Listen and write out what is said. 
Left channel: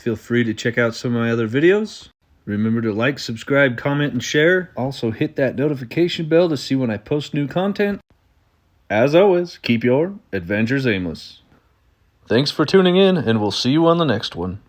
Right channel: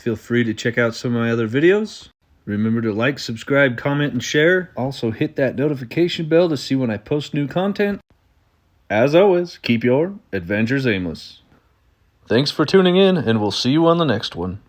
Feel free to check out some of my other videos. Remember to like, subscribe, comment, and share. Also hit that notification bell to see when I post new content. As always, keep your adventures aimless. Thanks for tuning in, and we'll see you on the next one.